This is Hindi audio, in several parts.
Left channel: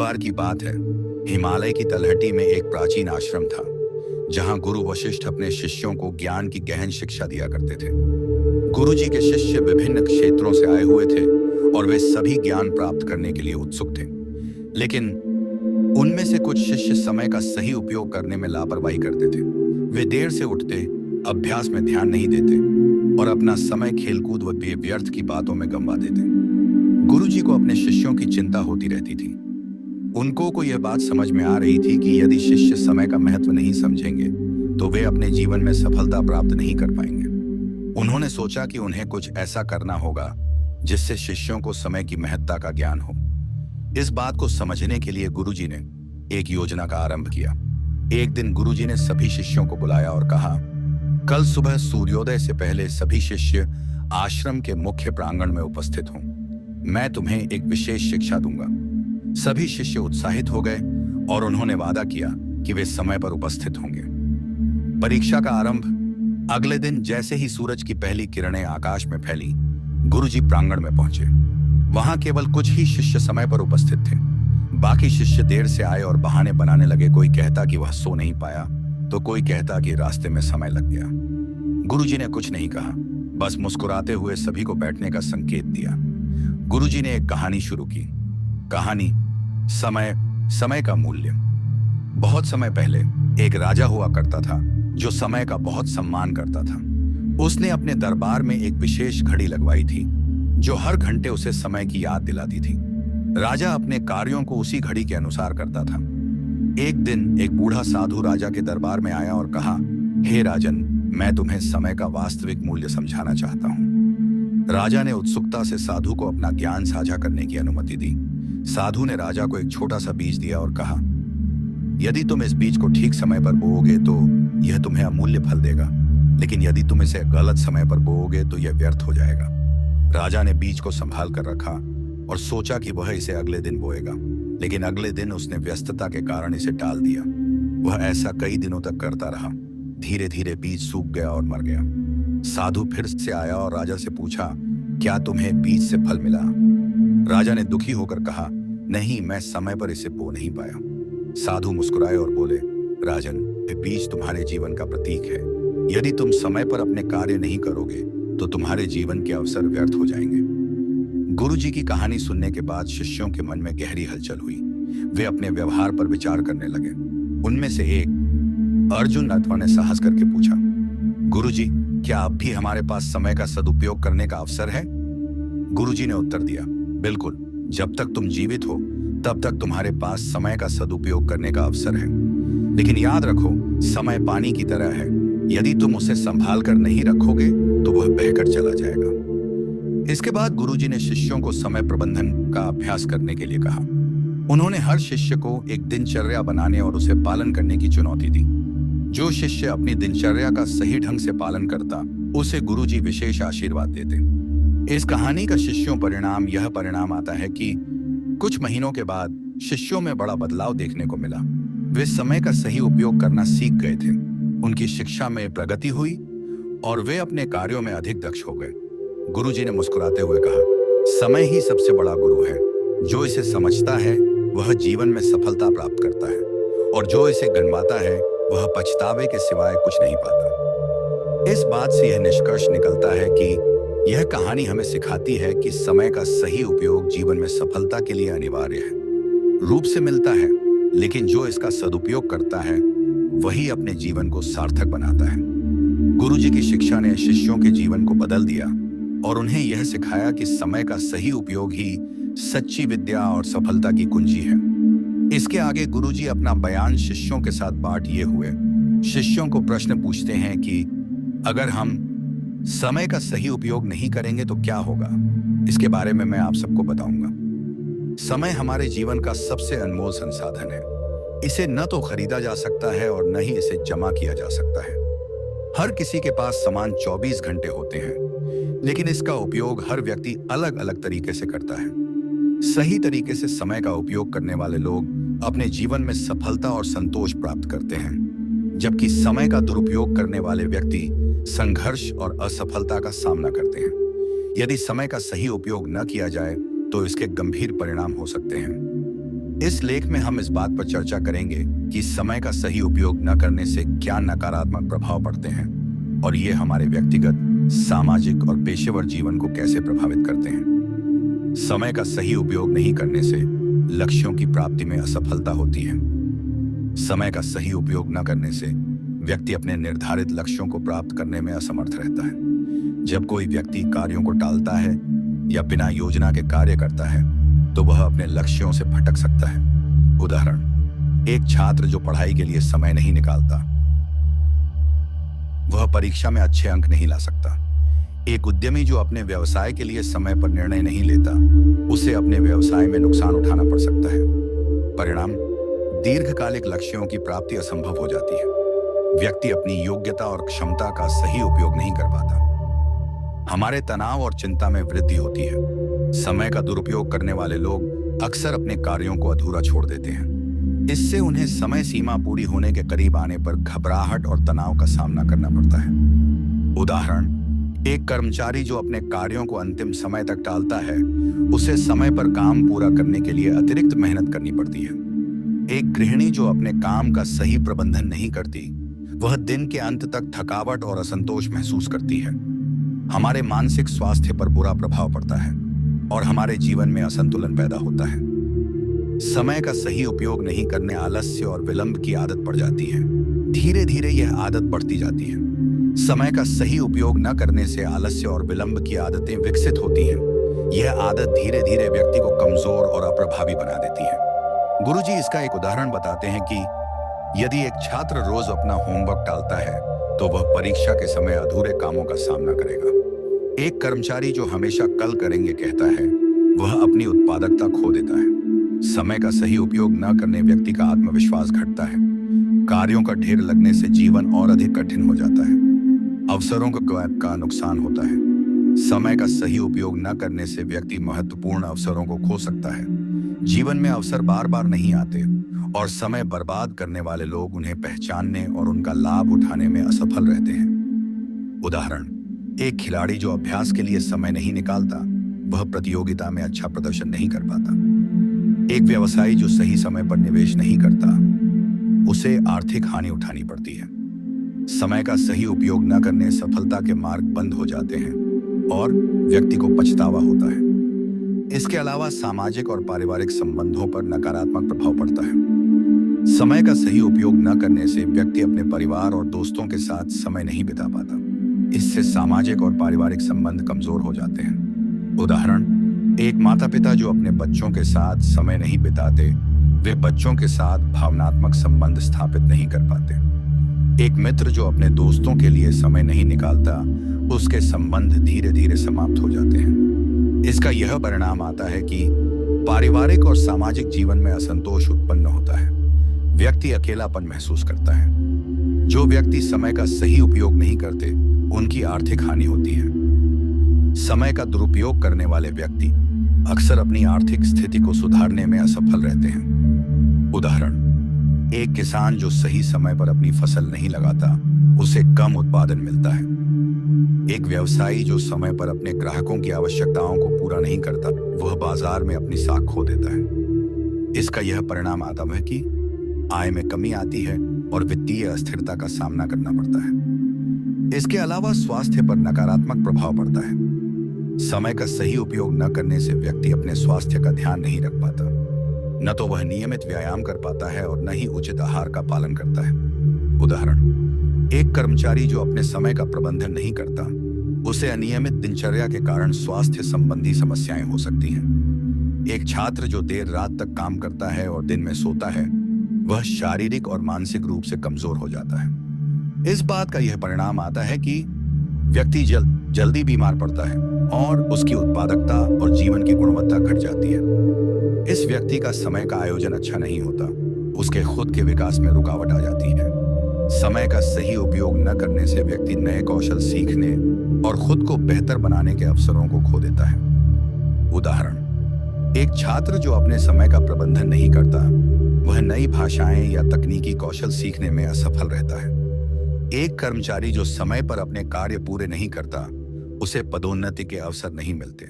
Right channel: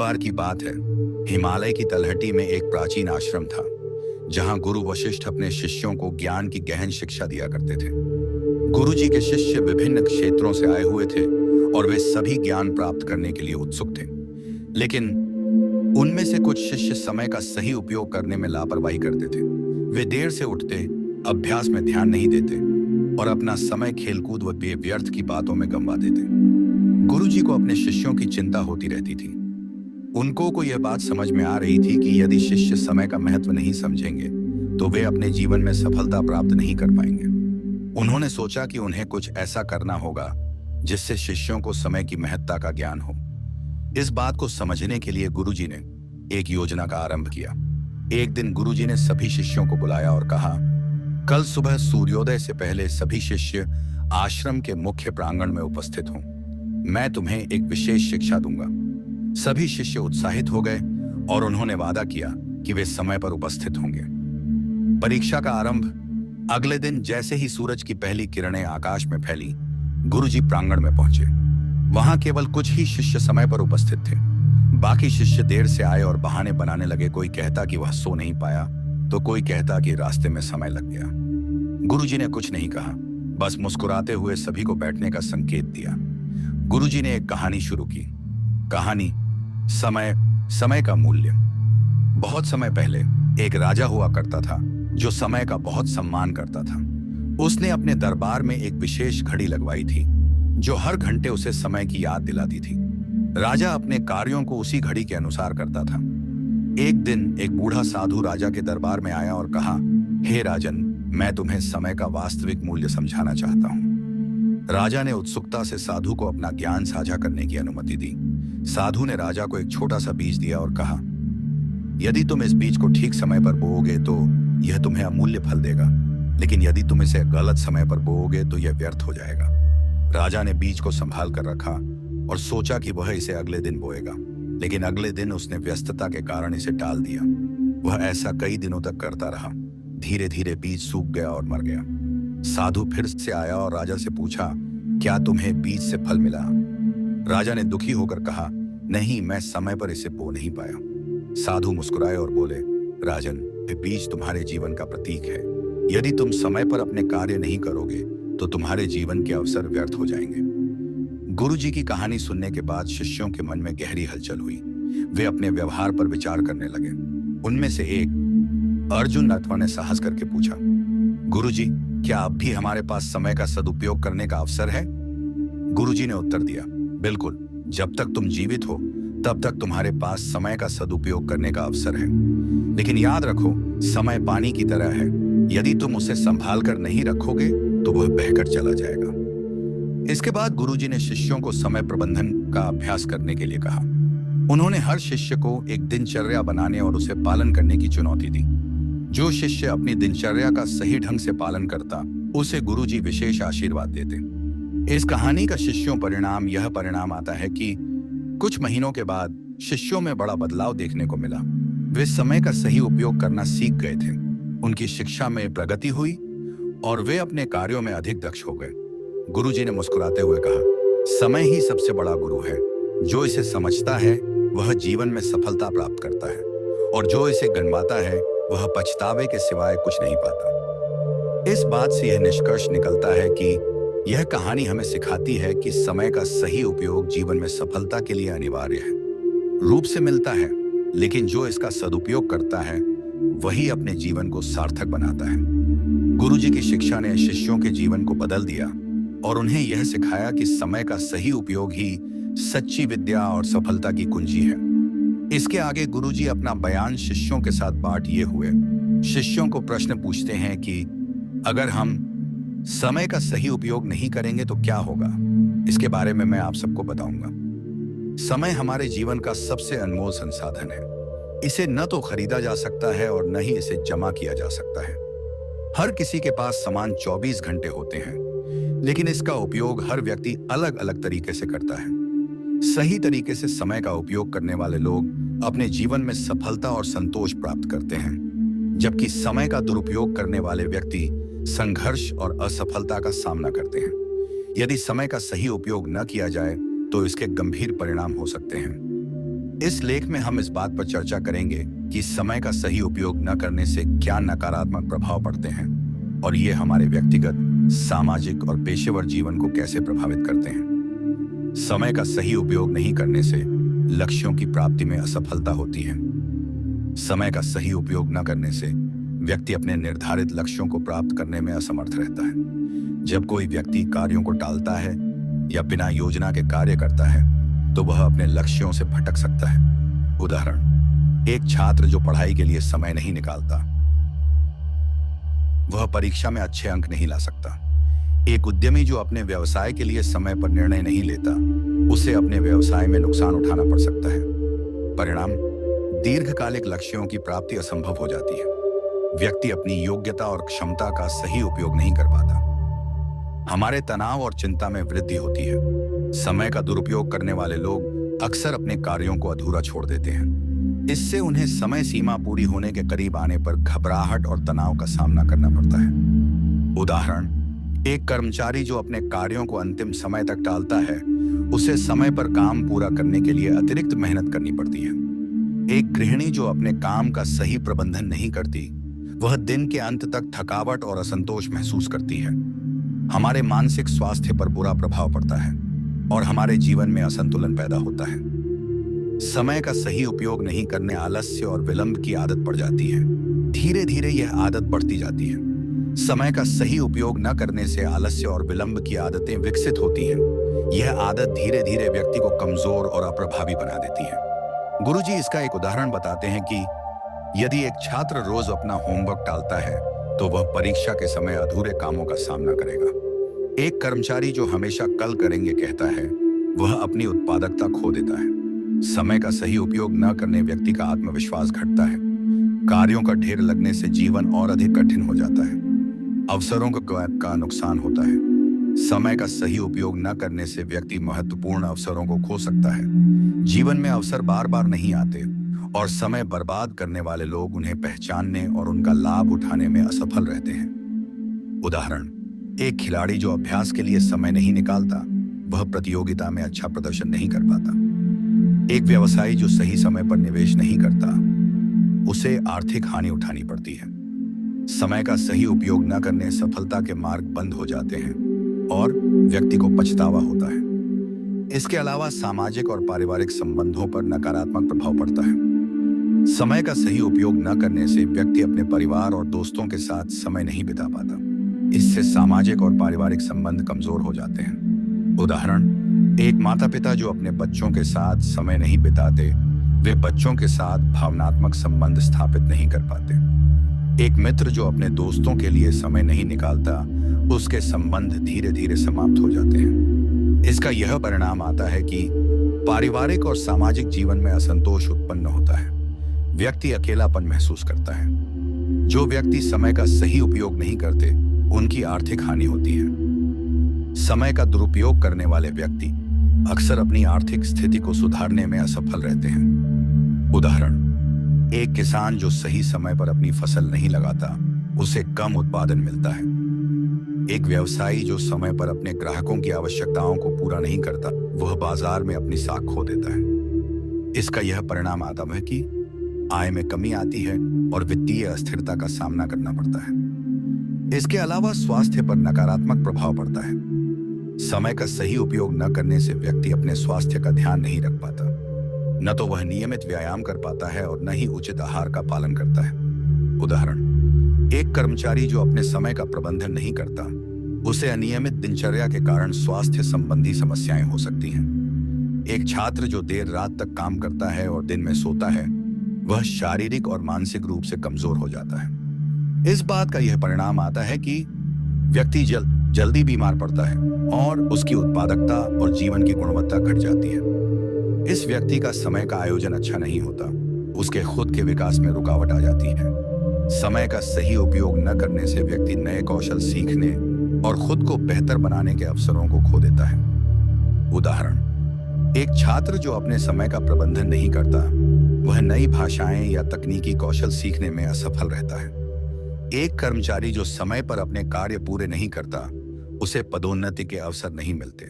बार की बात है, हिमालय की तलहटी में एक प्राचीन आश्रम था, जहां गुरु वशिष्ठ अपने शिष्यों को ज्ञान की गहन शिक्षा दिया करते थे। गुरु जी के शिष्य विभिन्न क्षेत्रों से आए हुए थे और वे सभी ज्ञान प्राप्त करने के लिए उत्सुक थे। लेकिन उनमें से कुछ शिष्य समय का सही उपयोग करने में लापरवाही करते थे। वे देर से उठते, अभ्यास में ध्यान नहीं देते और अपना समय खेलकूद व व्यर्थ की बातों में गंवा देते। गुरु जी को अपने शिष्यों की चिंता होती रहती थी। उनको यह बात समझ में आ रही थी कि यदि शिष्य समय का महत्व नहीं समझेंगे तो वे अपने जीवन में सफलता प्राप्त नहीं कर पाएंगे। उन्होंने सोचा कि उन्हें कुछ ऐसा करना होगा जिससे शिष्यों को समय की महत्ता का ज्ञान हो। इस बात को समझने के लिए गुरुजी ने एक योजना का आरंभ किया। एक दिन गुरुजी ने सभी शिष्यों को बुलाया और कहा, कल सुबह सूर्योदय से पहले सभी शिष्य आश्रम के मुख्य प्रांगण में उपस्थित हों। मैं तुम्हें एक विशेष शिक्षा दूंगा। सभी शिष्य उत्साहित हो गए और उन्होंने वादा किया कि वे समय पर उपस्थित होंगे। परीक्षा का आरंभ अगले दिन जैसे ही सूरज की पहली किरणें आकाश में फैली, गुरुजी प्रांगण में पहुंचे। वहां केवल कुछ ही शिष्य समय पर उपस्थित थे। बाकी शिष्य देर से आए और बहाने बनाने लगे। कोई कहता कि वह सो नहीं पाया तो कोई कहता कि रास्ते में समय लग गया। गुरुजी ने कुछ नहीं कहा, बस मुस्कुराते हुए सभी को बैठने का संकेत दिया। गुरुजी ने एक कहानी शुरू की। कहानी समय का मूल्य। बहुत समय पहले एक राजा हुआ करता था जो समय का बहुत सम्मान करता था। उसने अपने दरबार में एक विशेष घड़ी लगवाई थी जो हर घंटे उसे समय की याद दिलाती थी। राजा अपने कार्यों को उसी घड़ी के अनुसार करता था। एक दिन एक बूढ़ा साधु राजा के दरबार में आया और कहा, हे राजन, मैं तुम्हें समय का वास्तविक मूल्य समझाना चाहता हूँ। राजा ने उत्सुकता से साधु को अपना ज्ञान साझा करने की अनुमति दी। साधु ने राजा को एक छोटा सा बीज दिया और कहा, यदि तुम इस बीज को ठीक समय पर बोओगे तो यह तुम्हें अमूल्य फल देगा, लेकिन यदि तुम इसे गलत समय पर बोओगे तो यह व्यर्थ हो जाएगा। राजा ने बीज को संभाल कर रखा और सोचा कि वह इसे अगले दिन बोएगा, लेकिन अगले दिन उसने व्यस्तता के कारण इसे टाल दिया। वह ऐसा कई दिनों तक करता रहा। धीरे धीरे बीज सूख गया और मर गया। साधु फिर से आया और राजा से पूछा, क्या तुम्हें बीज से फल मिला? राजा ने दुखी होकर कहा, नहीं, मैं समय पर इसे बो नहीं पाया। साधु मुस्कुराए और बोले, राजन, ये बीज तुम्हारे जीवन का प्रतीक है। यदि तुम समय पर अपने कार्य नहीं करोगे तो तुम्हारे जीवन के अवसर व्यर्थ हो जाएंगे। गुरुजी की कहानी सुनने के बाद शिष्यों के मन में गहरी हलचल हुई। वे अपने व्यवहार पर विचार करने लगे। उनमें से एक अर्जुन अथवा ने साहस करके पूछा, गुरुजी, क्या अब भी हमारे पास समय का सदुपयोग करने का अवसर है? गुरुजी ने उत्तर दिया, बिल्कुल। जब तक तुम जीवित हो तब तक तुम्हारे पास समय का सदुपयोग करने का अवसर है। लेकिन याद रखो, समय पानी की तरह है। यदि तुम उसे संभाल कर नहीं रखोगे तो वह बहकर चला जाएगा। इसके बाद गुरुजी ने शिष्यों को समय प्रबंधन का अभ्यास करने के लिए कहा। उन्होंने हर शिष्य को एक दिनचर्या बनाने और उसे पालन करने की चुनौती दी। जो शिष्य अपनी दिनचर्या का सही ढंग से पालन करता, उसे गुरुजी विशेष आशीर्वाद देते। इस कहानी का शिष्यों परिणाम यह परिणाम आता है कि कुछ महीनों के बाद शिष्यों में बड़ा बदलाव देखने को मिला। वे समय का सही उपयोग करना सीख गए थे। उनकी शिक्षा में प्रगति हुई और वे अपने कार्यों में अधिक दक्ष हो गए। गुरुजी ने मुस्कुराते हुए कहा, समय ही सबसे बड़ा गुरु है। जो इसे समझता है वह जीवन में सफलता प्राप्त करता है और जो इसे गंवाता है वह पछतावे के सिवाय कुछ नहीं पाता। इस बात से यह निष्कर्ष निकलता है कि यह कहानी हमें सिखाती है कि समय का सही उपयोग जीवन में सफलता के लिए अनिवार्य है। रूप से मिलता है, लेकिन जो इसका सदुपयोग करता है वही अपने जीवन को सार्थक बनाता है। गुरुजी की शिक्षा ने शिष्यों के जीवन को बदल दिया और उन्हें यह सिखाया कि समय का सही उपयोग ही सच्ची विद्या और सफलता की कुंजी है। इसके आगे गुरुजी अपना बयान शिष्यों के साथ बांटिए हुए शिष्यों को प्रश्न पूछते हैं कि अगर हम समय का सही उपयोग नहीं करेंगे तो क्या होगा। इसके बारे में मैं आप सबको बताऊंगा। समय हमारे जीवन का सबसे अनमोल संसाधन है। इसे न तो खरीदा जा सकता है और न ही इसे जमा किया जा सकता है। हर किसी के पास समान 24 घंटे होते हैं, लेकिन इसका उपयोग हर व्यक्ति अलग अलग तरीके से करता है। सही तरीके से समय का उपयोग करने वाले लोग अपने जीवन में सफलता और संतोष प्राप्त करते हैं, जबकि समय का दुरुपयोग करने वाले व्यक्ति संघर्ष और असफलता का सामना करते हैं। यदि समय का सही उपयोग न किया जाए तो इसके गंभीर परिणाम हो सकते हैं। इस लेख में हम इस बात पर चर्चा करेंगे कि समय का सही उपयोग न करने से क्या नकारात्मक प्रभाव पड़ते हैं और ये हमारे व्यक्तिगत, सामाजिक और पेशेवर जीवन को कैसे प्रभावित करते हैं। समय का सही उपयोग नहीं करने से लक्ष्यों की प्राप्ति में असफलता होती है। समय का सही उपयोग न करने से व्यक्ति अपने निर्धारित लक्ष्यों को प्राप्त करने में असमर्थ रहता है। जब कोई व्यक्ति कार्यों को टालता है या बिना योजना के कार्य करता है तो वह अपने लक्ष्यों से भटक सकता है। उदाहरण, एक छात्र जो पढ़ाई के लिए समय नहीं निकालता, वह परीक्षा में अच्छे अंक नहीं ला सकता। एक उद्यमी जो अपने व्यवसाय के लिए समय पर निर्णय नहीं लेता, उसे अपने व्यवसाय में नुकसान उठाना पड़ सकता है। परिणाम, दीर्घकालिक लक्ष्यों की प्राप्ति असंभव हो जाती है। व्यक्ति अपनी योग्यता और क्षमता का सही उपयोग नहीं कर पाता। हमारे तनाव और चिंता में वृद्धि होती है। समय का दुरुपयोग करने वाले लोग अक्सर अपने कार्यों को अधूरा छोड़ देते हैं। इससे उन्हें समय सीमा पूरी होने के करीब आने पर घबराहट और तनाव का सामना करना पड़ता है। उदाहरण, एक कर्मचारी जो अपने कार्यों को अंतिम समय तक टालता है, उसे समय पर काम पूरा करने के लिए अतिरिक्त मेहनत करनी पड़ती है। एक गृहिणी जो अपने काम का सही प्रबंधन नहीं करती, वह दिन के अंत तक थकावट और असंतोष महसूस करती है। हमारे मानसिक स्वास्थ्य पर बुरा प्रभाव पड़ता है और हमारे जीवन में असंतुलन पैदा होता है। समय का सही उपयोग नहीं करने आलस्य और विलंब की आदत पड़ जाती है। धीरे धीरे यह आदत बढ़ती जाती है। समय का सही उपयोग न करने से आलस्य और विलंब की आदतें विकसित होती हैं। यह आदत धीरे धीरे व्यक्ति को कमजोर और अप्रभावी बना देती है। गुरुजी इसका एक उदाहरण बताते हैं कि यदि एक छात्र रोज अपना होमवर्क टालता है तो वह परीक्षा के समय अधूरे कामों का सामना करेगा। एक कर्मचारी जो हमेशा कल करेंगे कहता है, वह अपनी उत्पादकता खो देता है। समय का सही उपयोग न करने व्यक्ति का आत्मविश्वास घटता है। कार्यों का ढेर लगने से जीवन और अधिक कठिन हो जाता है। अवसरों का नुकसान होता है। समय का सही उपयोग न करने से व्यक्ति महत्वपूर्ण अवसरों को खो सकता है। जीवन में अवसर बार बार नहीं आते और समय बर्बाद करने वाले लोग उन्हें पहचानने और उनका लाभ उठाने में असफल रहते हैं। उदाहरण, एक खिलाड़ी जो अभ्यास के लिए समय नहीं निकालता, वह प्रतियोगिता में अच्छा प्रदर्शन नहीं कर पाता। एक व्यवसायी जो सही समय पर निवेश नहीं करता, उसे आर्थिक हानि उठानी पड़ती है। समय का सही उपयोग न करने सफलता के मार्ग बंद हो जाते हैं और व्यक्ति को पछतावा होता है। इसके अलावा सामाजिक और पारिवारिक संबंधों पर नकारात्मक प्रभाव पड़ता है। समय का सही उपयोग न करने से व्यक्ति अपने परिवार और दोस्तों के साथ समय नहीं बिता पाता। इससे सामाजिक और पारिवारिक संबंध कमजोर हो जाते हैं। उदाहरण, एक माता-पिता जो अपने बच्चों के साथ समय नहीं बिताते, वे बच्चों के साथ भावनात्मक संबंध स्थापित नहीं कर पाते। एक मित्र जो अपने दोस्तों के लिए समय नहीं निकालता, उसके संबंध धीरे धीरे समाप्त हो जाते हैं। इसका यह परिणाम आता है कि पारिवारिक और सामाजिक जीवन में असंतोष उत्पन्न होता है। व्यक्ति अकेलापन महसूस करता है। जो व्यक्ति समय का सही उपयोग नहीं करते, उनकी आर्थिक हानि होती है। समय का दुरुपयोग करने वाले व्यक्ति अक्सर अपनी आर्थिक स्थिति को सुधारने में असफल रहते हैं। उदाहरण, एक किसान जो सही समय पर अपनी फसल नहीं लगाता, उसे कम उत्पादन मिलता है। एक व्यवसायी जो समय पर अपने ग्राहकों की आवश्यकताओं को पूरा नहीं करता, वह बाजार में अपनी साख खो देता है। इसका यह परिणाम आता है कि आय में कमी आती है और वित्तीय अस्थिरता का सामना करना पड़ता है। इसके अलावा स्वास्थ्य पर नकारात्मक प्रभाव पड़ता है। समय का सही उपयोग न करने से व्यक्ति अपने स्वास्थ्य का ध्यान नहीं रख पाता। न तो वह नियमित व्यायाम कर पाता है और न ही उचित आहार का पालन करता है। उदाहरण, एक कर्मचारी जो अपने समय का प्रबंधन नहीं करता, उसे अनियमित दिनचर्या के कारण स्वास्थ्य संबंधी समस्याएं हो सकती हैं। एक छात्र जो देर रात तक काम करता है और दिन में सोता है, वह शारीरिक और मानसिक रूप से कमजोर हो जाता है। इस बात का यह परिणाम आता है कि व्यक्ति जल्दी बीमार पड़ता है और उसकी उत्पादकता और जीवन की गुणवत्ता घट जाती है। इस व्यक्ति का समय का आयोजन अच्छा नहीं होता। उसके खुद के विकास में रुकावट आ जाती है। समय का सही उपयोग न करने से व्यक्ति नए कौशल सीखने और खुद को बेहतर बनाने के अवसरों को खो देता है। उदाहरण, एक छात्र जो अपने समय का प्रबंधन नहीं करता, वह नई भाषाएं या तकनीकी कौशल सीखने में असफल रहता है। एक कर्मचारी जो समय पर अपने कार्य पूरे नहीं करता, उसे पदोन्नति के अवसर नहीं मिलते।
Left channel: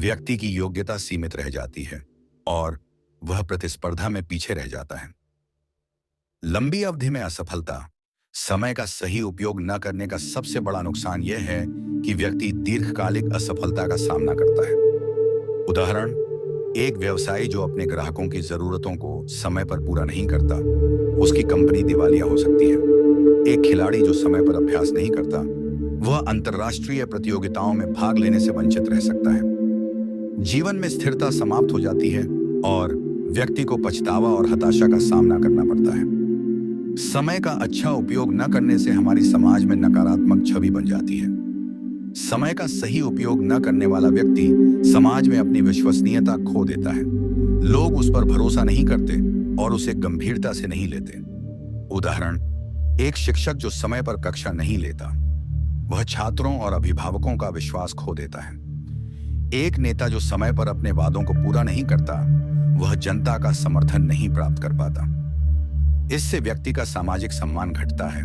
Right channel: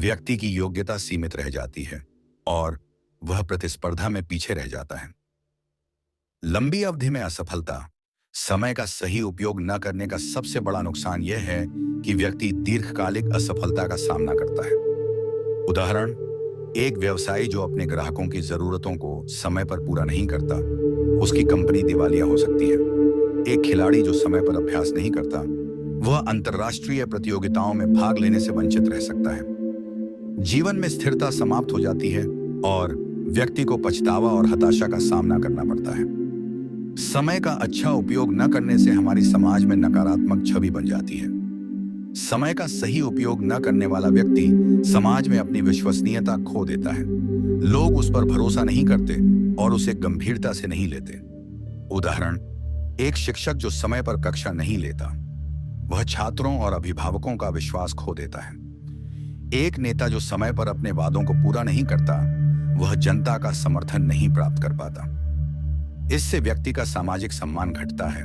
व्यक्ति की योग्यता सीमित रह जाती है और वह प्रतिस्पर्धा में पीछे रह जाता है। लंबी अवधि में असफलता, समय का सही उपयोग न करने का सबसे बड़ा नुकसान यह है कि व्यक्ति दीर्घकालिक असफलता का सामना करता है। उदाहरण, एक व्यवसायी जो अपने ग्राहकों की जरूरतों को समय पर पूरा नहीं करता, उसकी कंपनी दिवालिया हो सकती है। एक खिलाड़ी जो समय पर अभ्यास नहीं करता, वह अंतर्राष्ट्रीय प्रतियोगिताओं में भाग लेने से वंचित रह सकता है। जीवन में स्थिरता समाप्त हो जाती है और व्यक्ति को पछतावा और हताशा का सामना करना पड़ता है। समय का अच्छा उपयोग न करने से हमारी समाज में नकारात्मक छवि बन जाती है। समय का सही उपयोग न करने वाला व्यक्ति समाज में अपनी विश्वसनीयता खो देता है। लोग उस पर भरोसा नहीं करते और उसे गंभीरता से नहीं लेते। उदाहरण, एक शिक्षक जो समय पर कक्षा नहीं लेता, वह छात्रों और अभिभावकों का विश्वास खो देता है। एक नेता जो समय पर अपने वादों को पूरा नहीं करता, वह जनता का समर्थन नहीं प्राप्त कर पाता। इससे व्यक्ति का सामाजिक सम्मान घटता है,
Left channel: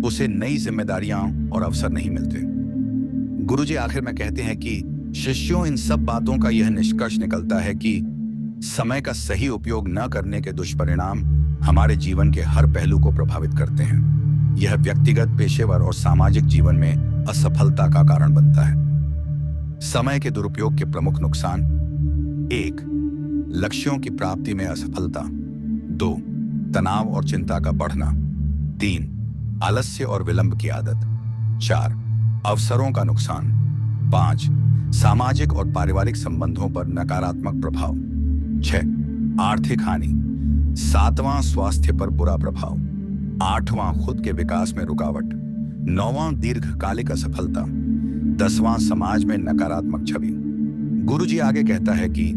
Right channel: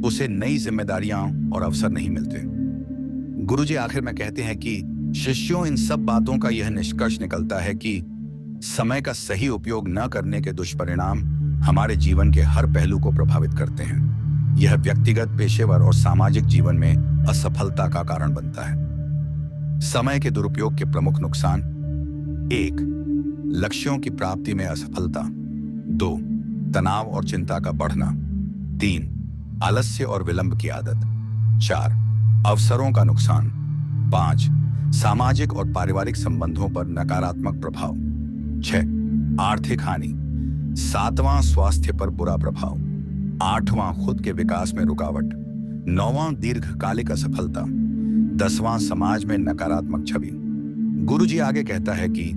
उसे नई जिम्मेदारियां और अवसर नहीं मिलते। गुरुजी आखिर में कहते हैं कि शिष्यों, इन सब बातों का यह निष्कर्ष निकलता है कि समय का सही उपयोग न करने के दुष्परिणाम हमारे जीवन के हर पहलू को प्रभावित करते हैं। यह व्यक्तिगत, पेशेवर और सामाजिक जीवन में असफलता का कारण बनता है। समय के दुरुपयोग के प्रमुख नुकसान: 1. लक्ष्यों की प्राप्ति में असफलता। 2. तनाव और चिंता का बढ़ना। 3. आलस्य और विलंब की आदत। 4. अवसरों का नुकसान। 5. सामाजिक और पारिवारिक संबंधों पर नकारात्मक प्रभाव। 6. आर्थिक हानि। 7वां स्वास्थ्य पर बुरा प्रभाव। 8वां खुद के विकास में रुकावट। 9वां दीर्घकालिक असफलता। 10वां समाज में नकारात्मक छवि। गुरुजी आगे कहता है कि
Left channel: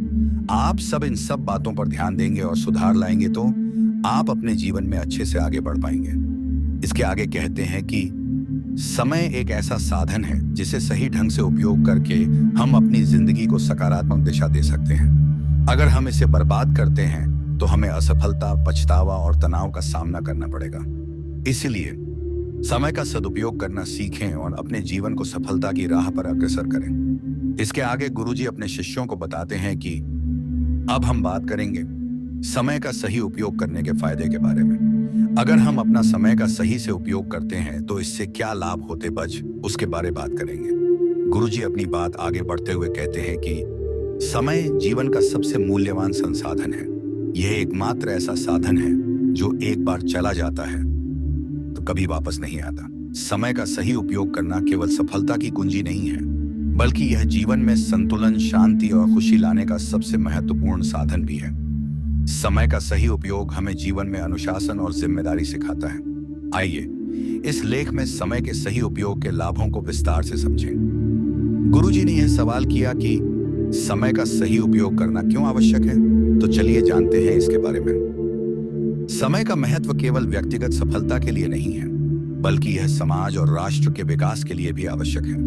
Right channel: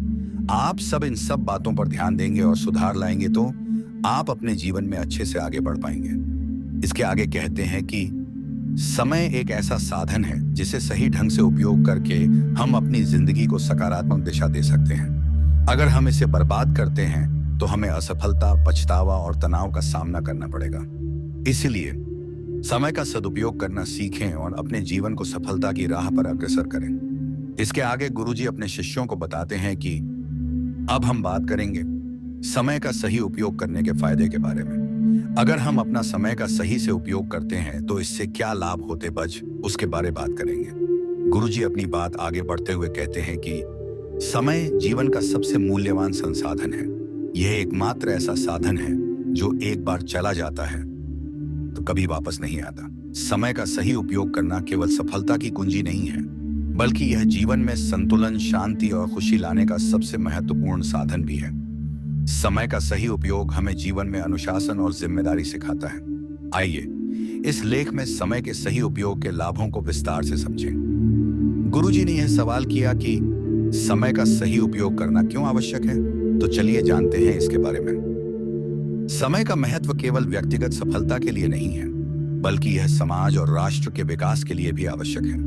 आप सब इन सब बातों पर ध्यान देंगे और सुधार लाएंगे तो आप अपने जीवन में अच्छे से आगे बढ़ पाएंगे। इसके आगे कहते हैं कि समय एक ऐसा साधन है जिसे सही ढंग से उपयोग करके हम अपनी जिंदगी को सकारात्मक दिशा दे सकते हैं। अगर हम इसे बर्बाद करते हैं तो हमें असफलता, पछतावा और तनाव का सामना करना पड़ेगा। इसलिए समय का सदुपयोग करना सीखें और अपने जीवन को सफलता की राह पर अग्रसर करें। इसके आगे गुरुजी अपने शिष्यों को बताते हैं कि अब हम बात करेंगे समय का सही उपयोग करने के फायदे के बारे में। अगर हम अपना समय का सही से उपयोग करते हैं तो इससे क्या लाभ होते बच, उसके बारे बात करेंगे। गुरुजी अपनी बात आगे बढ़ते हुए कहते हैं कि समय जीवन का सबसे मूल्यवान संसाधन है। यह एकमात्र ऐसा साधन है जो एक बार चला जाता है तो कभी वापस नहीं आता। समय का सही उपयोग करना केवल सफलता की कुंजी नहीं है, बल्कि यह जीवन में संतुलन, शांति और खुशी लाने का सबसे महत्वपूर्ण साधन भी है। समय का सही उपयोग हमें जीवन में अनुशासन और जिम्मेदारी सिखाता है। आइए इस लेख में समय के सही उपयोग के लाभों को विस्तार से समझें। गुरुजी ने यह सवाल किया कि समय का सही उपयोग करना क्यों आवश्यक है, तो चलिए जानते हैं इसके बारे में। समय का महत्व केवल व्यक्तिगत सफलता के लिए नहीं है, बल्कि यह समाज और राष्ट्र के विकास के लिए भी आवश्यक है।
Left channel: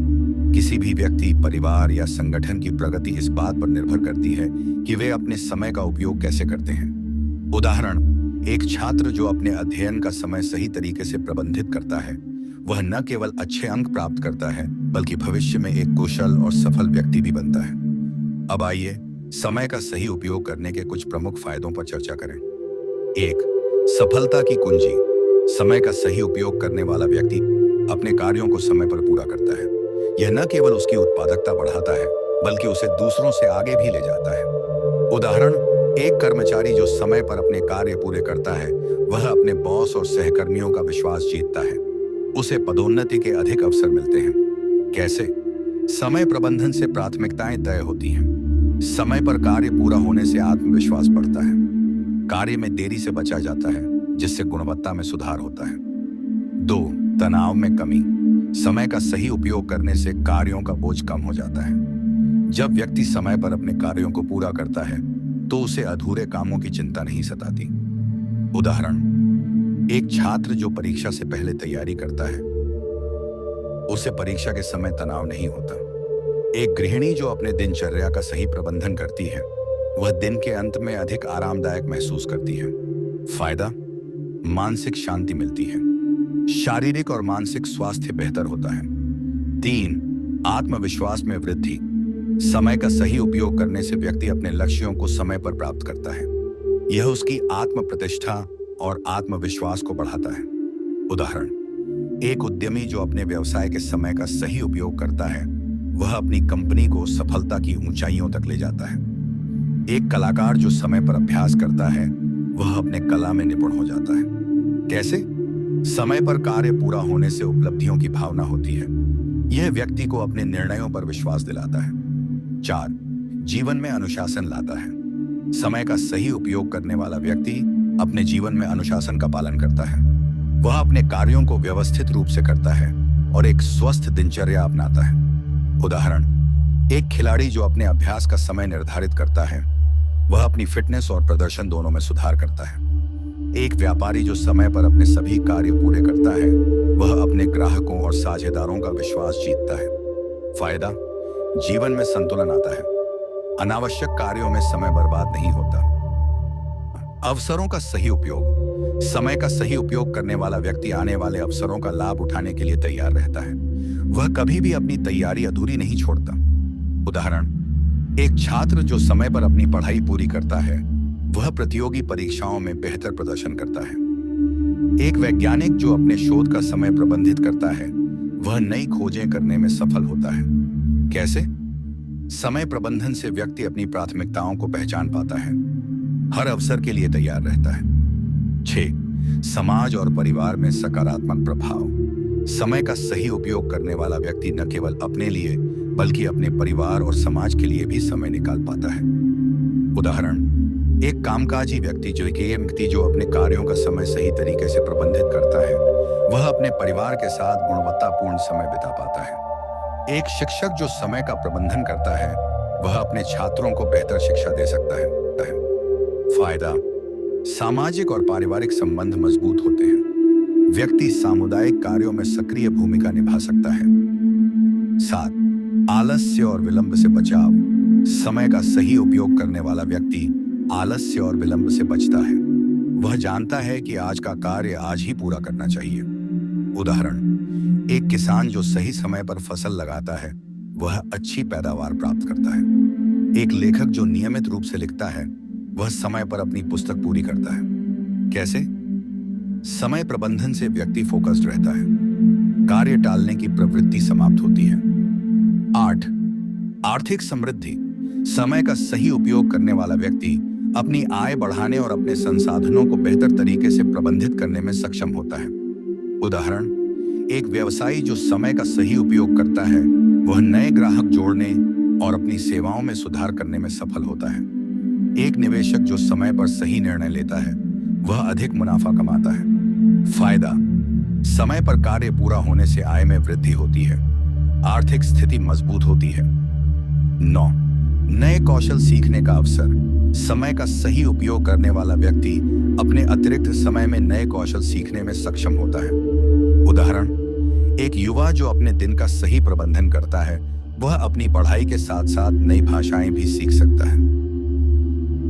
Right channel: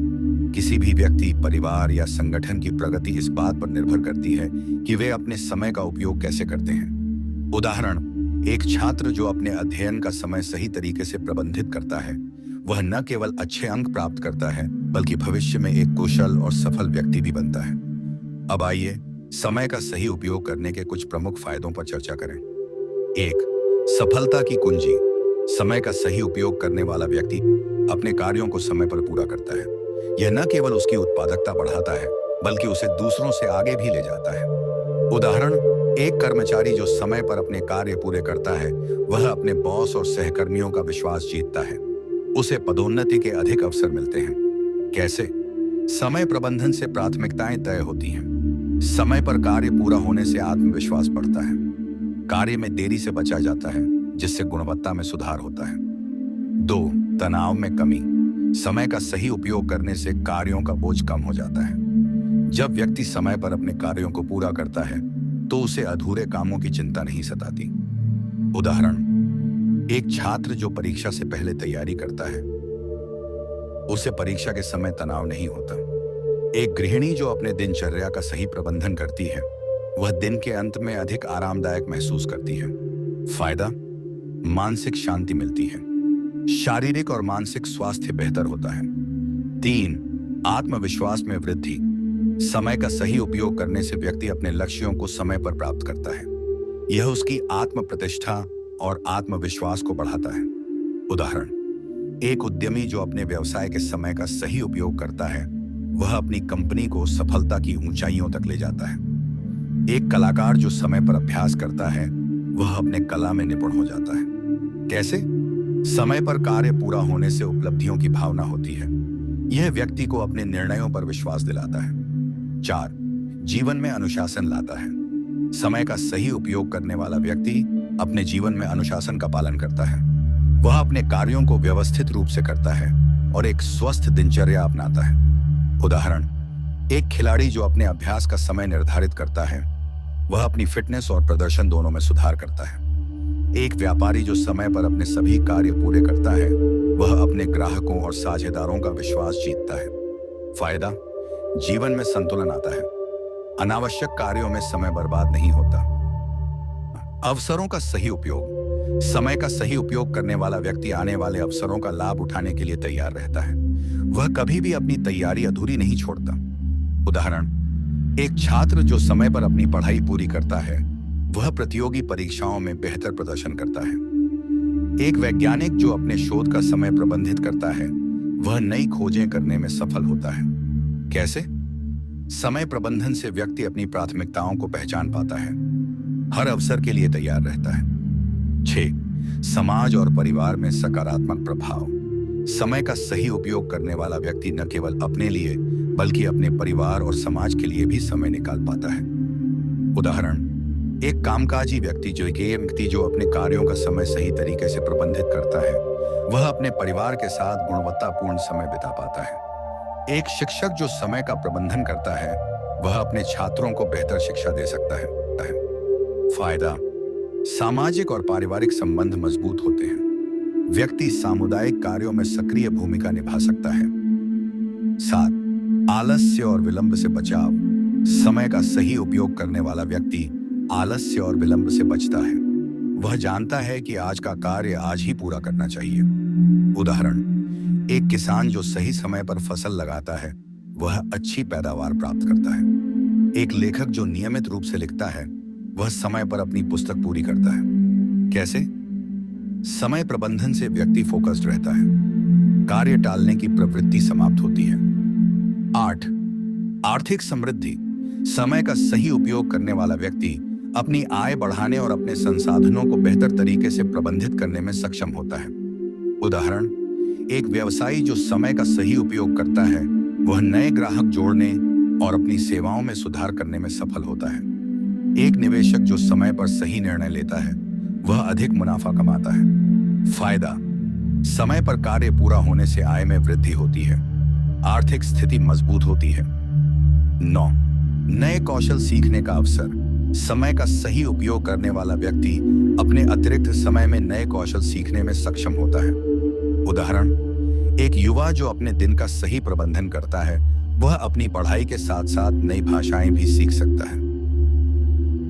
किसी भी व्यक्ति, परिवार या संगठन की प्रगति इस बात पर निर्भर करती है कि वे अपने समय का उपयोग कैसे करते हैं। उदाहरण, एक छात्र जो अपने अध्ययन का समय सही तरीके से प्रबंधित करता है, वह न केवल अच्छे अंक प्राप्त करता है, बल्कि भविष्य में एक कुशल और सफल व्यक्ति भी बनता है। अब आइए समय का सही उपयोग करने के कुछ प्रमुख फायदों पर चर्चा करें। 1. सफलता की कुंजी। समय का सही उपयोग करने वाला व्यक्ति अपने कार्यों को समय पर पूरा करता है। यह न केवल उसकी उत्पादकता बढ़ाता है, बल्कि उसे दूसरों से आगे भी ले जाता है। उदाहरण, एक कर्मचारी जो समय पर अपने कार्य पूरे करता है, वह अपने बॉस और सहकर्मियों का विश्वास जीतता है। उसे पदोन्नति के अधिक अवसर मिलते हैं। कैसे? समय प्रबंधन से प्राथमिकताएं तय होती हैं। समय पर कार्य पूरा होने से आत्मविश्वास बढ़ता है। कार्य में देरी से बचा जाता है, जिससे गुणवत्ता में सुधार होता है। 2. तनाव में कमी। समय का सही उपयोग करने से कार्यों का बोझ कम हो जाता है। जब व्यक्ति समय पर अपने कार्यों को पूरा करता है तो उसे अधूरे कामों की चिंता नहीं सताती। उदाहरण, एक छात्र जो परीक्षा से पहले तैयारी करता है, उसे परीक्षा के समय तनाव नहीं होता। एक गृहिणी जो अपने दिनचर्या का सही प्रबंधन करती है, वह दिन के अंत में अधिक आरामदायक महसूस करती है। फायदा: मानसिक शांति मिलती है, शारीरिक और मानसिक स्वास्थ्य बेहतर होता है। 3. आत्मविश्वास में वृद्धि। समय का सही उपयोग करने से व्यक्ति अपने लक्ष्यों को समय पर प्राप्त करता है। यह उसकी आत्म प्रतिष्ठा और आत्मविश्वास को बढ़ाता है। उदाहरण, एक उद्यमी जो अपने व्यवसाय के समय का सही उपयोग करता है, वह अपनी कंपनी को सफलता की ऊंचाइयों तक ले जाता है। एक कलाकार जो समय पर अभ्यास करता है, वह अपने कला में निपुण हो जाता है। कैसे? समय पर कार्य पूरा होने से उपलब्धियों की भावना होती है। यह व्यक्ति को अपने निर्णयों पर विश्वास दिलाता है। 4. जीवन में अनुशासन लाता है। समय का सही उपयोग करने वाला व्यक्ति अपने जीवन में अनुशासन का पालन करता है। वह अपने कार्यों को व्यवस्थित रूप से करता है और एक स्वस्थ दिनचर्या अपनाता है। उदाहरण, एक खिलाड़ी जो अपने अभ्यास का समय निर्धारित करता है, वह अपनी फिटनेस और प्रदर्शन दोनों में सुधार करता है। एक व्यापारी जो समय पर अपने सभी कार्य पूरे करता है, वह अपने ग्राहकों और साझेदारों का विश्वास जीतता है। फायदा, जीवन में संतुलन आता है। अनावश्यक कार्यों में समय बर्बाद नहीं होता। अवसरों का सही उपयोग। समय का सही उपयोग करने वाला व्यक्ति आने वाले अवसरों का लाभ उठाने के लिए तैयार रहता है। वह कभी भी अपनी तैयारी अधूरी नहीं छोड़ता। उदाहरण, एक छात्र जो समय पर अपनी पढ़ाई पूरी करता है, वह प्रतियोगी परीक्षाओं में बेहतर प्रदर्शन करता है। एक वैज्ञानिक जो अपने शोध का समय प्रबंधित करता है, वह नई खोजें करने में सफल होता है। कैसे? समय प्रबंधन से व्यक्ति अपनी प्राथमिकताओं को पहचान पाता है, हर अवसर के लिए तैयार रहता है। 6. समाज और परिवार में सकारात्मक प्रभाव। समय का सही उपयोग करने वाला व्यक्ति न केवल अपने लिए बल्कि अपने परिवार और समाज के लिए भी समय निकाल पाता है। उदाहरण, एक कामकाजी व्यक्ति जो अपने कार्यों का समय सही तरीके से प्रबंधित करता है, वह अपने परिवार के साथ गुणवत्तापूर्ण समय बिता पाता है। एक शिक्षक जो समय का प्रबंधन करता है, वह अपने छात्रों को बेहतर शिक्षा दे सकता है। फायदा, सामाजिक और पारिवारिक संबंध मजबूत होते हैं। व्यक्ति सामुदायिक कार्यों में सक्रिय भूमिका निभा सकता है। 7. आलस्य और विलंब से बचाव। समय का सही उपयोग करने वाला व्यक्ति आलस्य और विलंब से बचता है। वह जानता है कि आज का कार्य आज ही पूरा करना चाहिए। उदाहरण, एक किसान जो सही समय पर फसल लगाता है, वह अच्छी पैदावार प्राप्त करता है। एक लेखक जो नियमित रूप से लिखता है, वह समय पर अपनी पुस्तक पूरी करता है। कैसे? समय प्रबंधन से व्यक्ति फोकस्ड रहता है, कार्य टालने की प्रवृत्ति समाप्त होती है। 8. आर्थिक समृद्धि। समय का सही उपयोग करने वाला व्यक्ति अपनी आय बढ़ाने और अपने संसाधनों को बेहतर तरीके से प्रबंधित करने में सक्षम होता है। उदाहरण, एक व्यवसायी जो समय का सही उपयोग करता है, वह नए ग्राहक जोड़ने और अपनी सेवाओं में सुधार करने में सफल होता है। एक निवेशक जो समय पर सही निर्णय लेता है, वह अधिक मुनाफा कमाता है। फायदा, समय पर कार्य पूरा होने से आय में वृद्धि होती है, आर्थिक स्थिति मजबूत होती है। 9. नए कौशल सीखने का अवसर। समय का सही उपयोग करने वाला व्यक्ति अपने अतिरिक्त समय में नए कौशल सीखने में सक्षम होता है। उदाहरण, एक युवा जो अपने दिन का सही प्रबंधन करता है, वह अपनी पढ़ाई के साथ साथ नई भाषाएं भी सीख सकता है।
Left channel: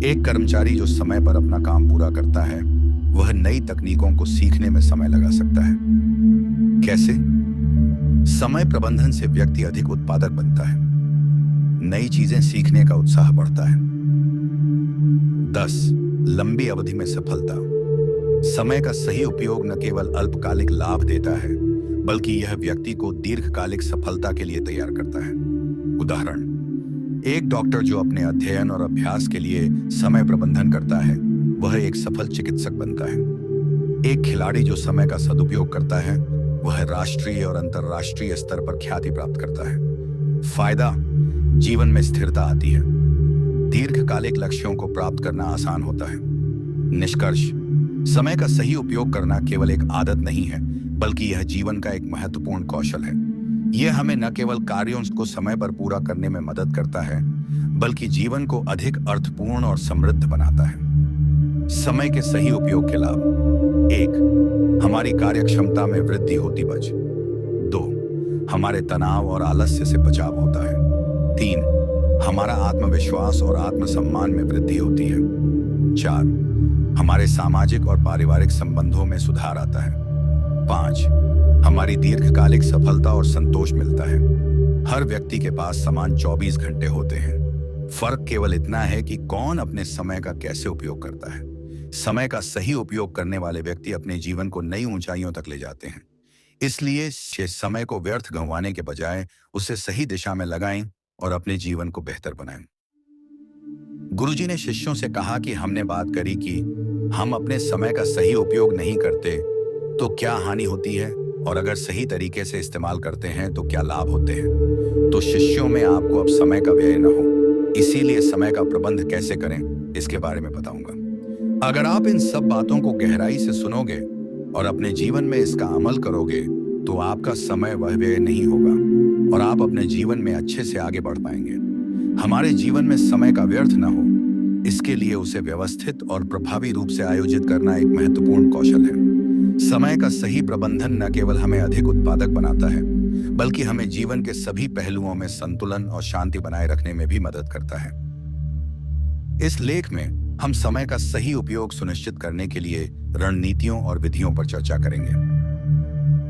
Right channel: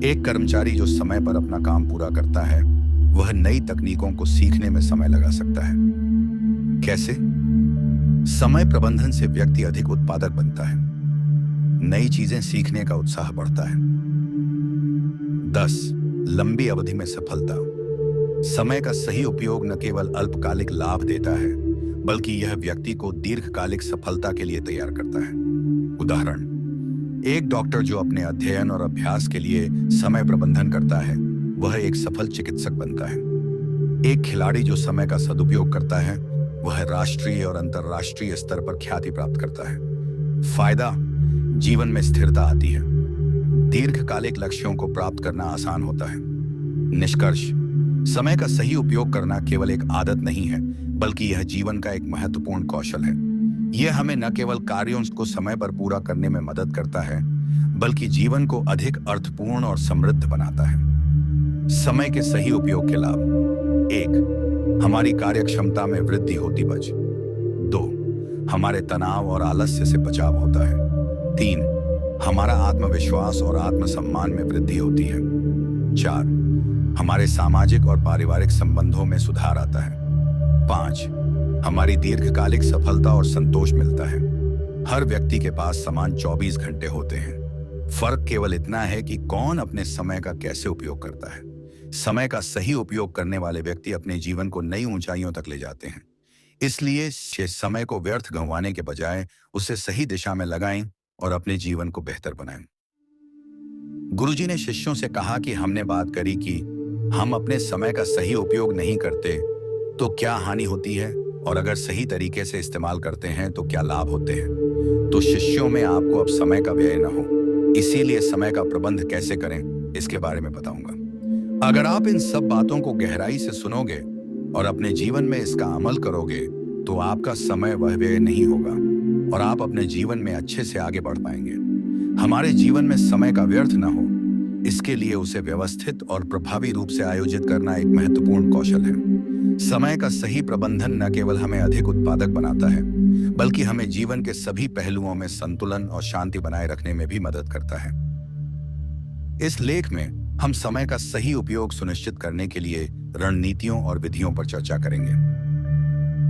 एक कर्मचारी जो समय पर अपना काम पूरा करता है, वह नई तकनीकों को सीखने में समय लगा सकता है। कैसे? समय प्रबंधन से व्यक्ति अधिक उत्पादक बनता है, नई चीजें सीखने का उत्साह बढ़ता है। 10. लंबी अवधि में सफलता। समय का सही उपयोग न केवल अल्पकालिक लाभ देता है, बल्कि यह व्यक्ति को दीर्घकालिक सफलता के लिए तैयार करता है। उदाहरण, एक डॉक्टर जो अपने अध्ययन और अभ्यास के लिए समय प्रबंधन करता है, वह एक सफल चिकित्सक बनता है। एक खिलाड़ी जो समय का सदुपयोग करता है, वह राष्ट्रीय और अंतर्राष्ट्रीय स्तर पर ख्याति प्राप्त करता है। फायदा, जीवन में स्थिरता आती है, दीर्घकालिक लक्ष्यों को प्राप्त करना आसान होता है। निष्कर्ष, समय का सही उपयोग करना केवल एक आदत नहीं है, बल्कि यह जीवन का एक महत्वपूर्ण कौशल है। यह हमें न केवल कार्यों को समय पर पूरा करने में मदद करता है, बल्कि जीवन को अधिक अर्थपूर्ण और समृद्ध बनाता है। समय के सही उपयोग के लाभ। 1. हमारी कार्यक्षमता में वृद्धि होती बच। 2. हमारे तनाव और आलस्य से बचाव होता है। 3. हमारा आत्मविश्वास और आत्मसम्मान में वृद्धि होती है। 4. हमारे सामाजिक और पारिवारिक संबंधों में सुधार आता है। 5. हमारी दीर्घकालिक सफलता और संतोष मिलता है। हर व्यक्ति के पास समान 24 घंटे होते हैं। फर्क केवल इतना है कि कौन अपने समय का कैसे उपयोग करता है। समय का सही उपयोग करने वाले व्यक्ति अपने जीवन को नई ऊंचाइयों तक ले जाते हैं। इसलिए समय को व्यर्थ गंवाने के बजाय उसे सही दिशा में लगाएं और अपने जीवन को बेहतर बनाएं। गुरुजी ने शिष्यों से कहा कि हमने बात करी कि हम अपने समय का सही उपयोग नहीं करते तो क्या हानि होती है, और अगर सही तरीके से इस्तेमाल करते हैं तो क्या लाभ होते हैं। तो शिष्यों में आपको अब समय का व्यय न हो, इसीलिए समय का प्रबंध कैसे करें इसके बारे में बताऊंगा। अगर आप इन सब बातों को गहराई से सुनोगे और अपने जीवन में इसका अमल करोगे तो आपका समय वह व्यय नहीं होगा और आप अपने जीवन में अच्छे से आगे बढ़ पाएंगे। हमारे जीवन में समय का व्यर्थ न हो, इसके लिए उसे व्यवस्थित और प्रभावी रूप से आयोजित करना एक महत्वपूर्ण कौशल है। समय का सही प्रबंधन न केवल हमें अधिक उत्पादक बनाता है, बल्कि हमें जीवन के सभी पहलुओं में संतुलन और शांति बनाए रखने में भी मदद करता है। इस लेख में हम समय का सही उपयोग सुनिश्चित करने के लिए रणनीतियों और विधियों पर चर्चा करेंगे।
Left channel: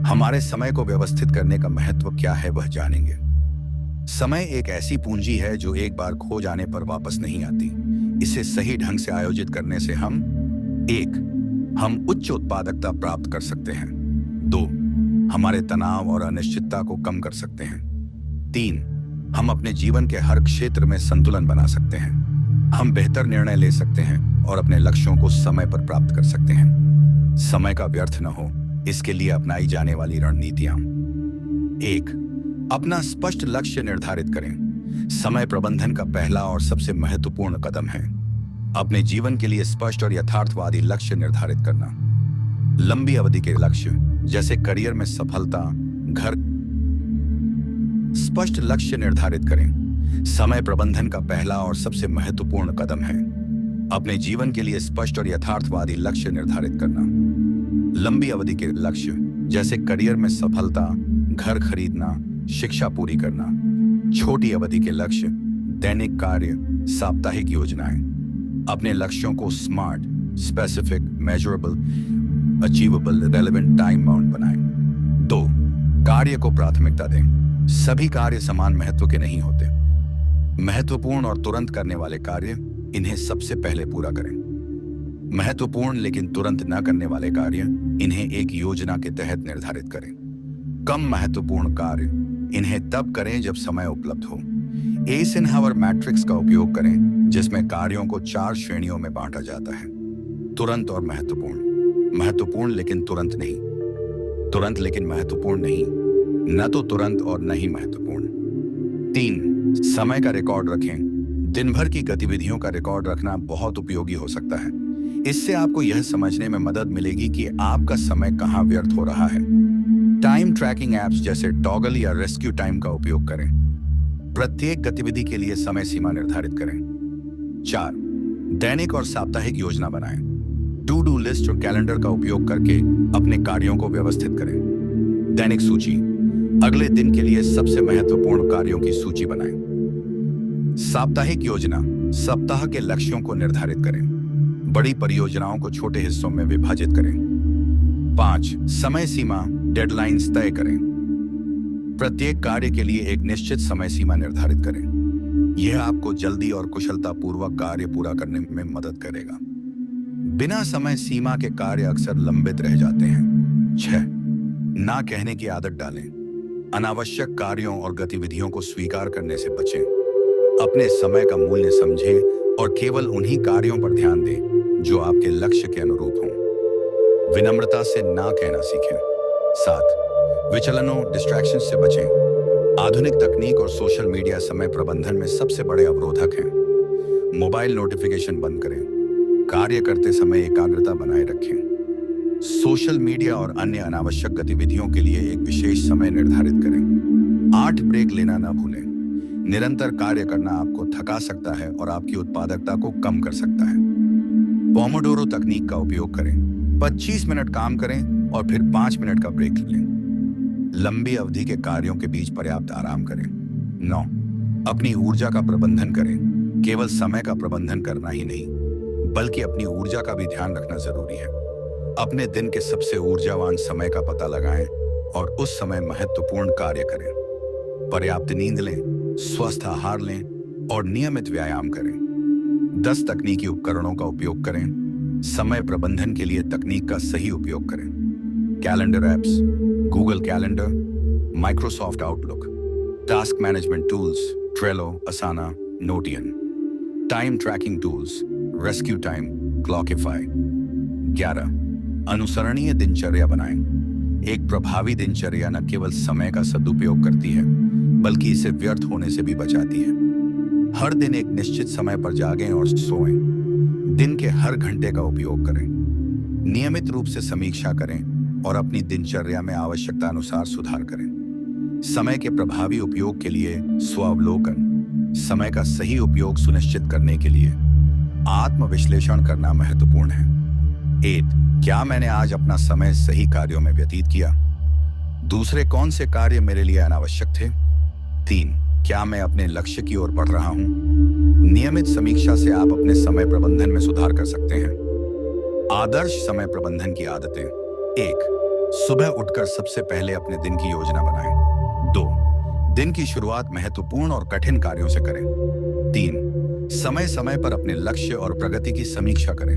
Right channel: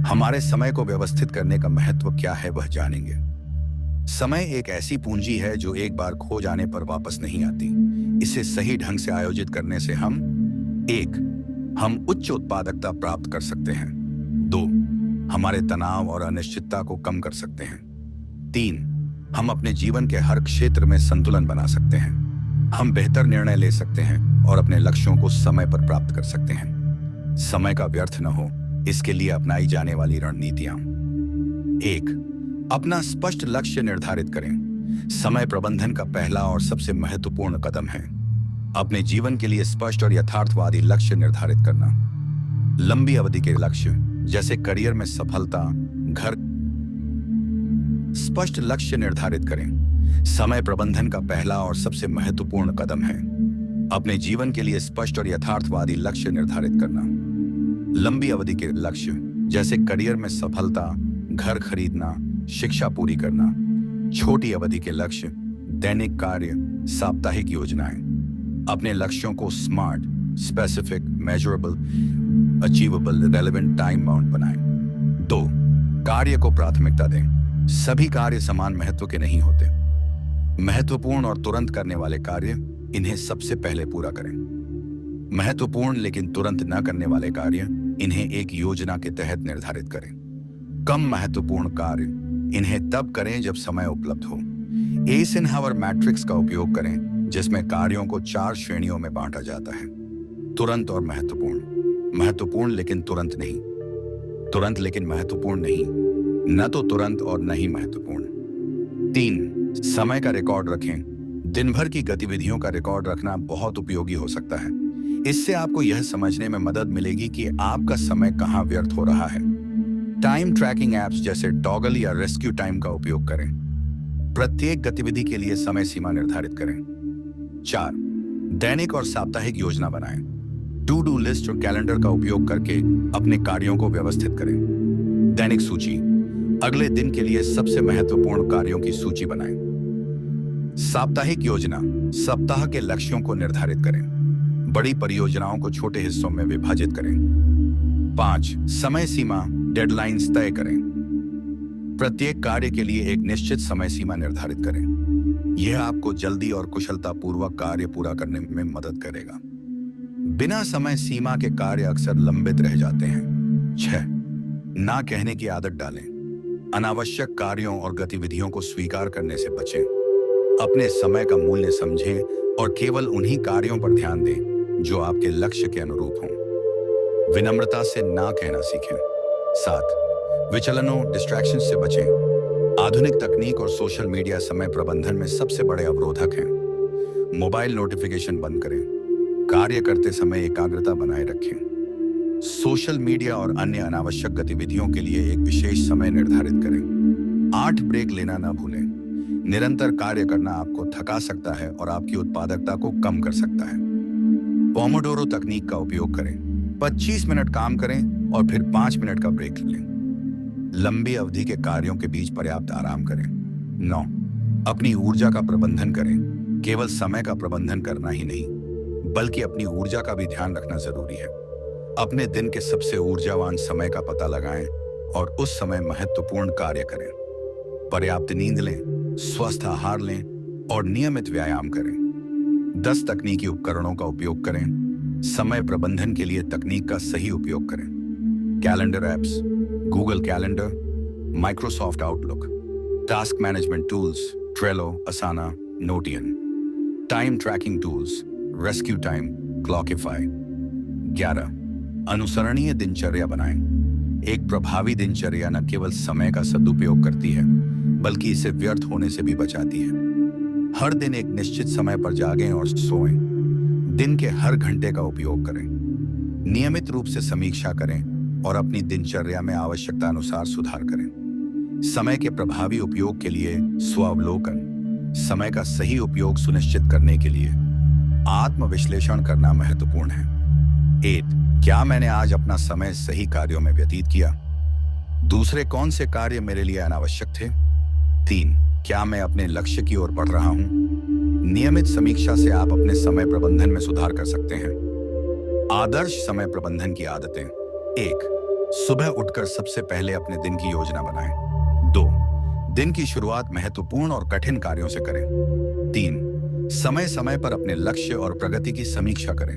हमारे समय को व्यवस्थित करने का महत्व क्या है वह जानेंगे। समय एक ऐसी पूंजी है जो एक बार खो जाने पर वापस नहीं आती। इसे सही ढंग से आयोजित करने से हम उच्च उत्पादकता प्राप्त कर सकते हैं। 2, हमारे तनाव और अनिश्चितता को कम कर सकते हैं। 3, हम अपने जीवन के हर क्षेत्र में संतुलन बना सकते हैं। हम बेहतर निर्णय ले सकते हैं और अपने लक्ष्यों को समय पर प्राप्त कर सकते हैं। समय का व्यर्थ न हो, इसके लिए अपनाई जाने वाली रणनीतियां। 1, अपना स्पष्ट लक्ष्य निर्धारित करें। समय प्रबंधन का पहला और सबसे महत्वपूर्ण कदम है अपने जीवन के लिए स्पष्ट और यथार्थवादी लक्ष्य निर्धारित करना। लंबी अवधि के लक्ष्य जैसे करियर में सफलता, घर। स्पष्ट लक्ष्य निर्धारित करें। समय प्रबंधन का पहला और सबसे महत्वपूर्ण कदम है अपने जीवन के लिए स्पष्ट और यथार्थवादी लक्ष्य निर्धारित करना। लंबी अवधि के लक्ष्य जैसे करियर में सफलता, घर खरीदना, शिक्षा पूरी करना। छोटी अवधि के लक्ष्य दैनिक कार्य, साप्ताहिक योजनाएं। अपने लक्ष्यों को smart, specific, measurable, achievable, relevant, time bound बनाएं। 2, कार्य को प्राथमिकता दें। सभी कार्य समान महत्व के नहीं होते। महत्वपूर्ण और तुरंत करने वाले कार्य इन्हें सबसे पहले पूरा करें। महत्वपूर्ण लेकिन तुरंत न करने वाले कार्य इन्हें एक योजना के तहत निर्धारित करें। कम महत्वपूर्ण कार्य इन्हें तब करें जब समय उपलब्ध हो। एइसेनहावर मैट्रिक्स का उपयोग करें जिसमें कार्यों को 4 श्रेणियों में बांटा जाता है। तुरंत और महत्वपूर्ण, महत्वपूर्ण लेकिन तुरंत नहीं, तुरंत लेकिन महत्वपूर्ण नहीं, न तो तुरंत और न ही महत्वपूर्ण। 3, समय का रिकॉर्ड रखें। दिन भर की गतिविधियों का रिकॉर्ड रखना बहुत उपयोगी हो सकता है। इससे आपको यह समझने में मदद मिलेगी कि आपका समय कहाँ व्यर्थ हो रहा है। टाइम ट्रैकिंग एप्स जैसे टॉगल या रेस्क्यू टाइम का उपयोग करें। प्रत्येक गतिविधि के लिए समय सीमा निर्धारित करें। 4, दैनिक और साप्ताहिक योजना बनाएं। टू डू लिस्ट और कैलेंडर का उपयोग करके अपने कार्यों को व्यवस्थित करें। दैनिक सूची, अगले दिन के लिए सबसे महत्वपूर्ण कार्यों की सूची बनाएं। साप्ताहिक योजना, सप्ताह के लक्ष्यों को निर्धारित करें। बड़ी परियोजनाओं को छोटे हिस्सों में विभाजित करें। 5, समय सीमा, डेडलाइंस तय करें। प्रत्येक कार्य के लिए एक निश्चित समय सीमा निर्धारित करें। यह आपको जल्दी और कुशलतापूर्वक कार्य पूरा करने में मदद करेगा। बिना समय सीमा के कार्य अक्सर लंबित रह जाते हैं। 6, ना कहने की आदत डालें। अनावश्यक कार्यों और गतिविधियों को स्वीकार करने से बचें। अपने समय का मूल्य समझें और केवल उन्हीं कार्यों पर ध्यान दें जो आपके लक्ष्य के अनुरूप हों। विनम्रता से ना कहना सीखें। 7, विचलनों, डिस्ट्रैक्शन से बचें। आधुनिक तकनीक और सोशल मीडिया समय प्रबंधन में सबसे बड़े अवरोधक हैं। मोबाइल नोटिफिकेशन बंद करें। कार्य करते समय एकाग्रता बनाए रखें। सोशल मीडिया और अन्य अनावश्यक गतिविधियों के लिए एक विशेष समय निर्धारित करें। 8 ब्रेक लेना न भूलें। निरंतर कार्य करना आपको थका सकता है और आपकी उत्पादकता को कम कर सकता है। पोमोडोरो तकनीक का उपयोग करें। 25 मिनट काम करें और फिर 5 मिनट का ब्रेक लें। लंबी अवधि के कार्यों के बीच पर्याप्त आराम करें। 9, अपनी ऊर्जा का प्रबंधन करें। केवल समय का प्रबंधन करना ही नहीं, बल्कि अपनी ऊर्जा का भी ध्यान रखना जरूरी है। अपने दिन के सबसे ऊर्जावान समय का पता लगाएं और उस समय महत्वपूर्ण कार्य करें। पर्याप्त नींद लें, स्वस्थ आहार लें और नियमित व्यायाम करें। 10 तकनीकी उपकरणों का उपयोग करें। समय प्रबंधन के लिए तकनीक का सही उपयोग करें। Calendar apps, Google Calendar, Microsoft Outlook, task management tools, Trello, Asana, Notion, time tracking tools, RescueTime, Clockify. 11 अनुसरणीय दिनचर्या बनाएं। एक प्रभावी दिनचर्या न केवल समय का सदुपयोग करती है, बल्कि इसे व्यर्थ होने से भी बचाती है। हर दिन एक निश्चित समय पर जागें और सोएं। दिन के हर घंटे का उपयोग करें। नियमित रूप से समीक्षा करें और अपनी दिनचर्या में आवश्यकता अनुसार सुधार करें। समय के प्रभावी उपयोग के लिए स्वावलोकन, समय का सही उपयोग सुनिश्चित करने के लिए आत्मविश्लेषण करना महत्वपूर्ण है। 8 क्या मैंने आज अपना समय सही कार्यों में व्यतीत किया? दूसरे कौन से कार्य मेरे लिए अनावश्यक थे? 3 क्या मैं अपने लक्ष्य की ओर बढ़ रहा हूं? नियमित समीक्षा से आप अपने समय प्रबंधन में सुधार कर सकते हैं। आदर्श समय प्रबंधन की आदतें। 1 सुबह उठकर सबसे पहले अपने दिन की योजना बनाएं। 2 दिन की शुरुआत महत्वपूर्ण और कठिन कार्यों से करें। 3 समय समय पर अपने लक्ष्य और प्रगति की समीक्षा करें।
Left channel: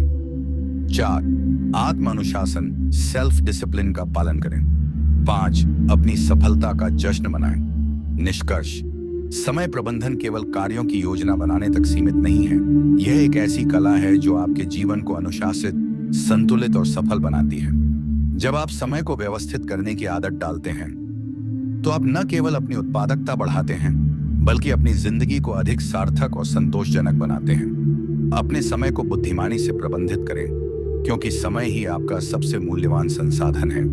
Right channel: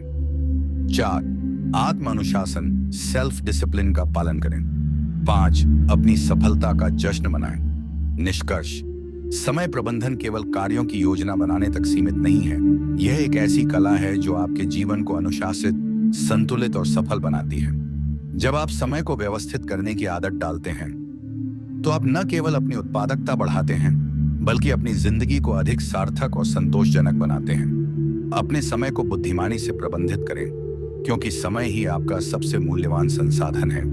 4 आत्म अनुशासन, सेल्फ डिसिप्लिन का पालन करें। 5 अपनी सफलता का जश्न मनाएं। निष्कर्ष, समय प्रबंधन केवल कार्यों की योजना बनाने तक सीमित नहीं है। यह एक ऐसी कला है जो आपके जीवन को अनुशासित, संतुलित और सफल बनाती है। जब आप समय को व्यवस्थित करने की आदत डालते हैं, तो आप न केवल अपनी उत्पादकता बढ़ाते हैं, बल्कि अपनी जिंदगी को अधिक सार्थक और संतोषजनक बनाते हैं। अपने समय को बुद्धिमानी से प्रबंधित करें, क्योंकि समय ही आपका सबसे मूल्यवान संसाधन है।